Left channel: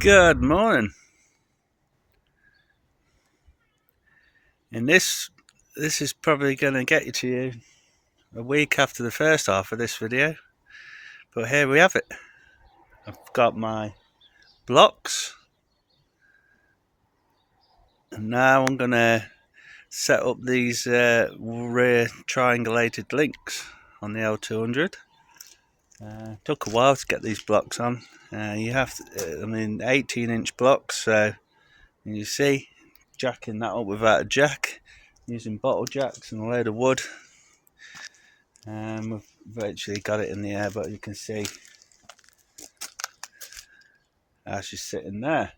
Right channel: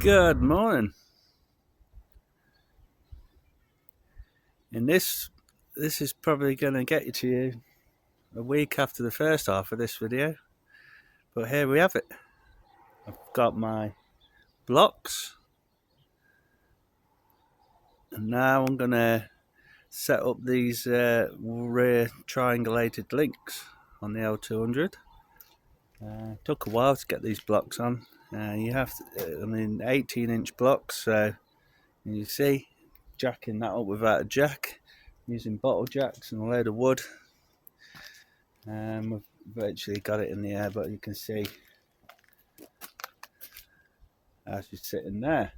Good morning. And this is probably going to get to you a week after the first half of this video, but here we have it. I've got my blocks, and now I'm going to set up these rear triangulated links on the L200. Took a while to get these blocks on. You have to, 18-inch blocks, so you see, jacking that up without a jack, using bottle jacks and a load of wood. We've virtually got it in the air, but you can see how she's sitting there.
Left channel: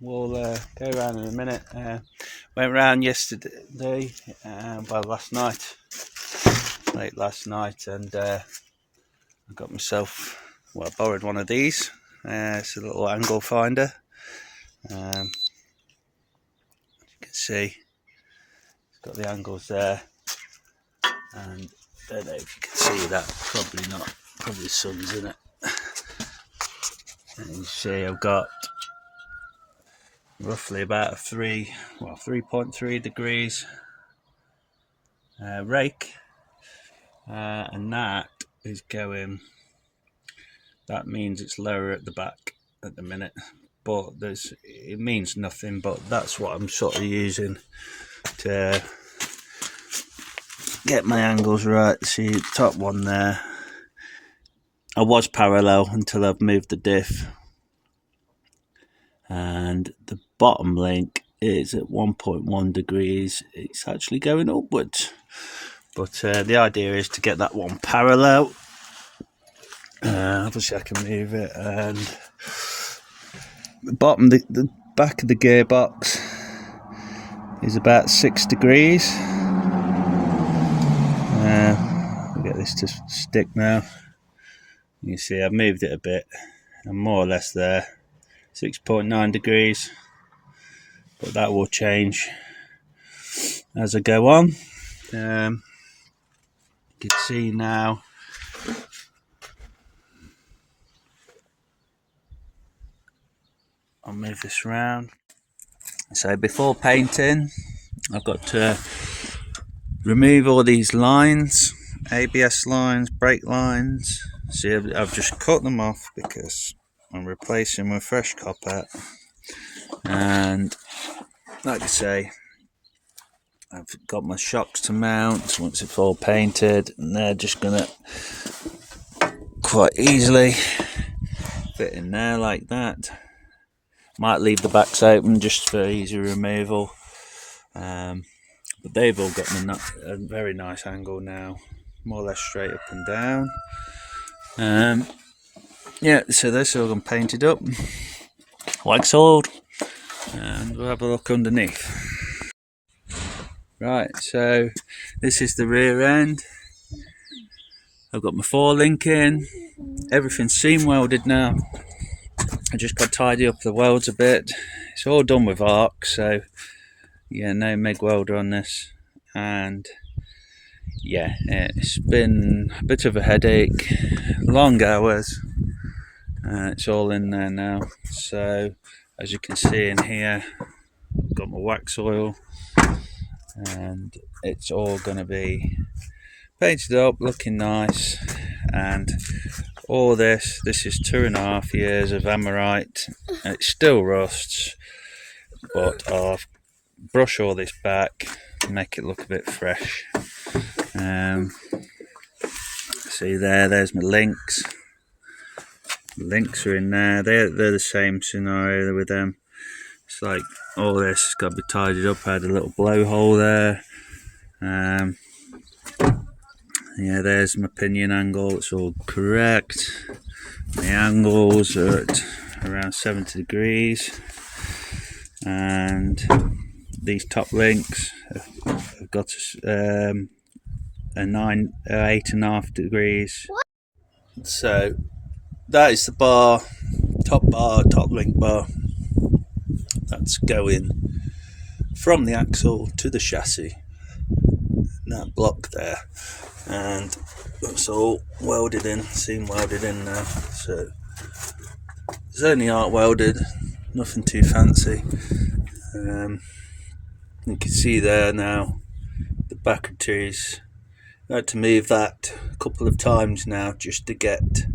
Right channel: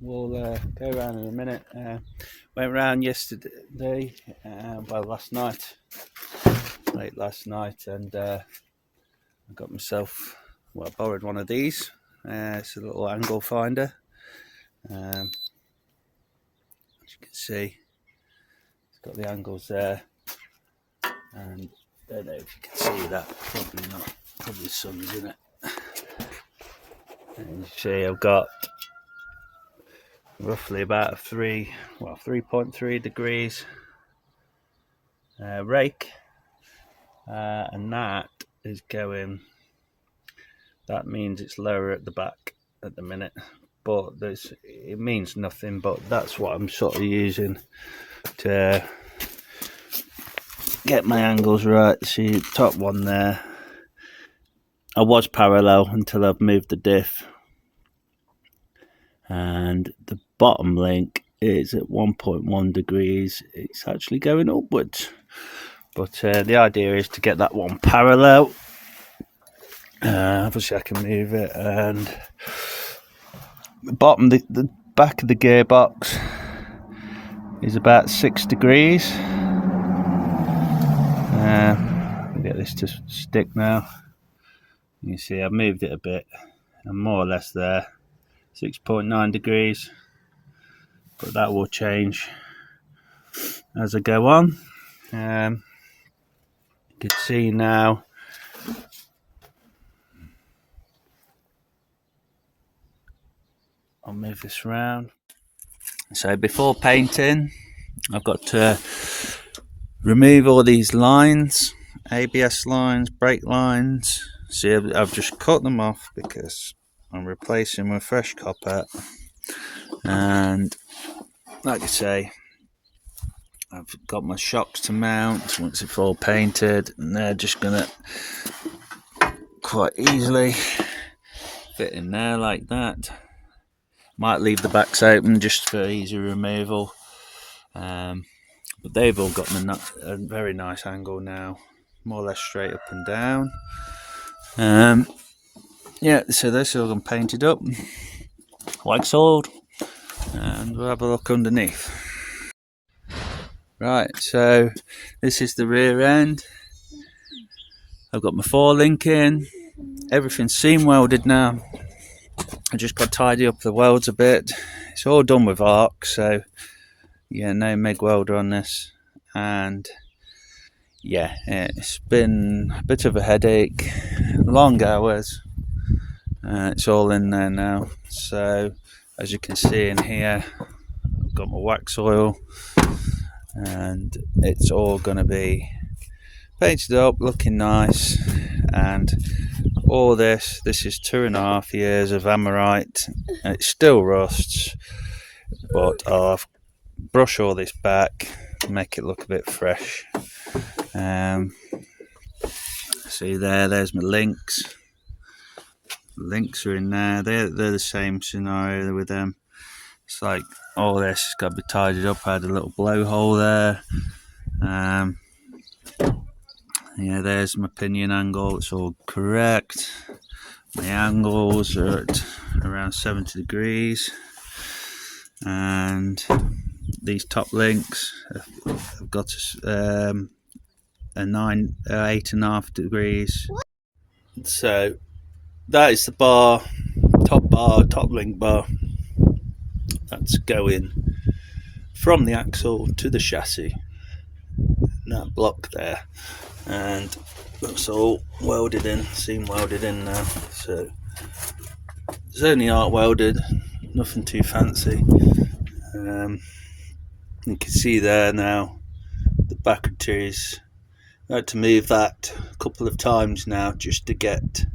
We'll go around in a minute. Went round yesterday, last night, late last night, and I got myself, I borrowed one of these. It's a little angle finder. As you can see, it's got the angles there, and I don't know if you can see that, probably not, probably the sun's in it. And you see I've got roughly about 3.3 degrees rake, and that is going, that means it's lower at the back at the minute, but it means nothing, but that's what I'm sort of using to get my angles right. See the top one there, I was parallel until I've moved the diff, and the bottom link is at 1.1 degrees. It's actually going upwards, but the idea is to get that one parallel. Obviously I can move it, and the back of the gearbox is about 6 degrees. I'll get this to stick now. You see I've moved it a bit, I'm more or less there, 6.9 degrees, but that will change as I go on. You can see now I'll move this round. So before painting, I've got to remove all these lines, ABS lines, brake lines. See, I've just cut them off because I'm replacing with fresh copper, and like I say, I've got my shocks to mount once it's all painted, and they're just gonna quite easily fit in there like that. Might leave the backs open just for easy removal, but they've all got a very nice angle now, more or less straight up and down. Yeah, so this all gone painted up, like sold, and we'll have a look underneath. Right, so this is the rear end. I've got my 4-link in, everything's seam welded now. I just got to tidy up the welds a bit. It's all done with arc, so yeah, no MIG welder on this, and yeah, it's been a bit of a headache, long hours. It's all in there now, so as you can see in here, I've got my wax oil, and it's all going to be painted up, looking nice. And all this is 2.5 years of Amorite, and it still rusts, but I'll brush all this back to make it look a bit fresh. See there's my links. The links are in there. They're the same scenario with them. It's like all this has got to be tidied up. I had a little blowhole there. Yeah, there's my pinion angle, it's all correct. The angles are at around 70 degrees, and these top links have got a 8.5 degrees. So that is the bar, top link bar, that's going from the axle to the chassis, that block there. And That's all welded in, seam welded in now. So it's only arc welded, nothing too fancy. You can see there now the batteries. I had to move that a couple of times now just to get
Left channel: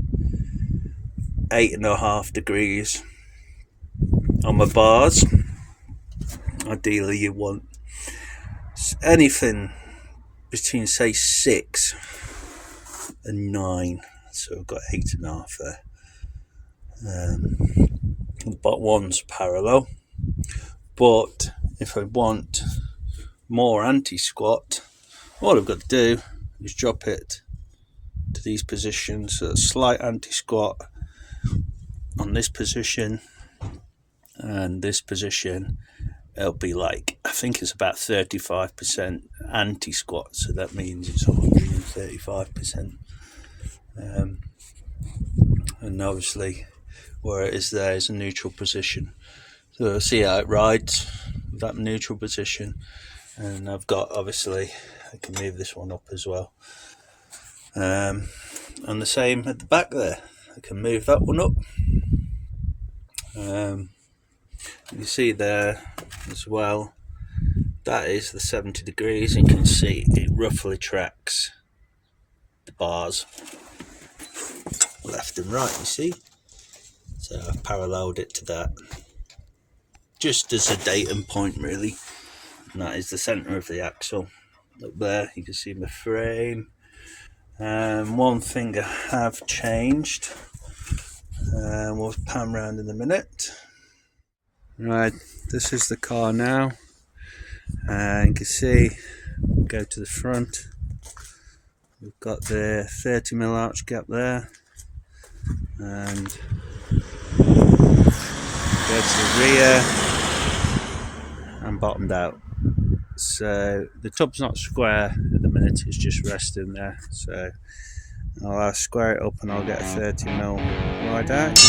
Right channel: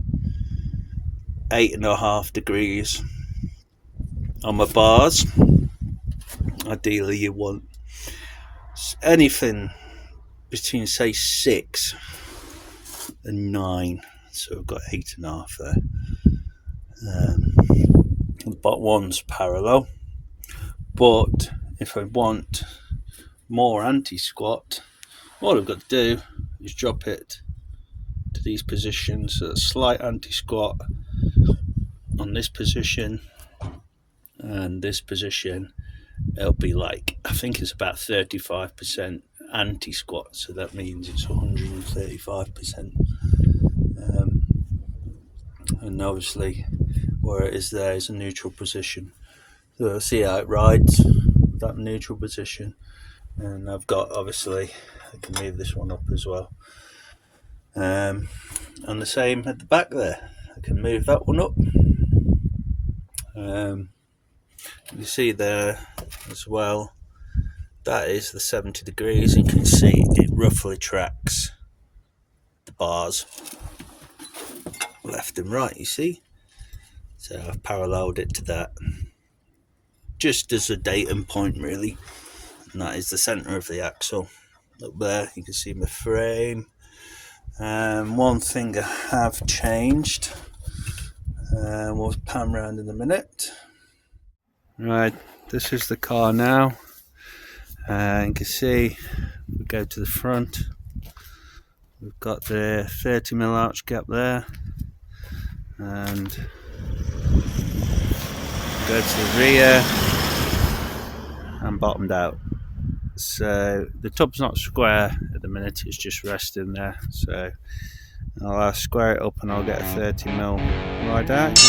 8.5 degrees on my bars. Ideally you want anything between say 6 and 9, so I've got 8.5 there. But one's parallel, but if I want more anti-squat, all I've got to do is drop it to these positions. So a slight anti-squat on this position and this position, it'll be like, I think it's about 35% anti-squat, so that means it's 135%. And obviously where it is there is a neutral position, so see how it rides with that neutral position. And I've got, obviously I can move this one up as well, and the same at the back there, I can move that one up. You see there as well, that is the 70 degrees. You can see it roughly tracks the bars left and right, you see. So I've paralleled it to that just as a datum point really, and that is the centre of the axle. Up there you can see my frame. One thing I have changed, we'll pan round in a minute. Right, this is the car now, and you can see, we go to the front, we've got the 30mm arch gap there, and go to the rear and bottomed out. So the top's not square at the minute, it's just resting there, so I'll square it up and I'll get a 30mm right out.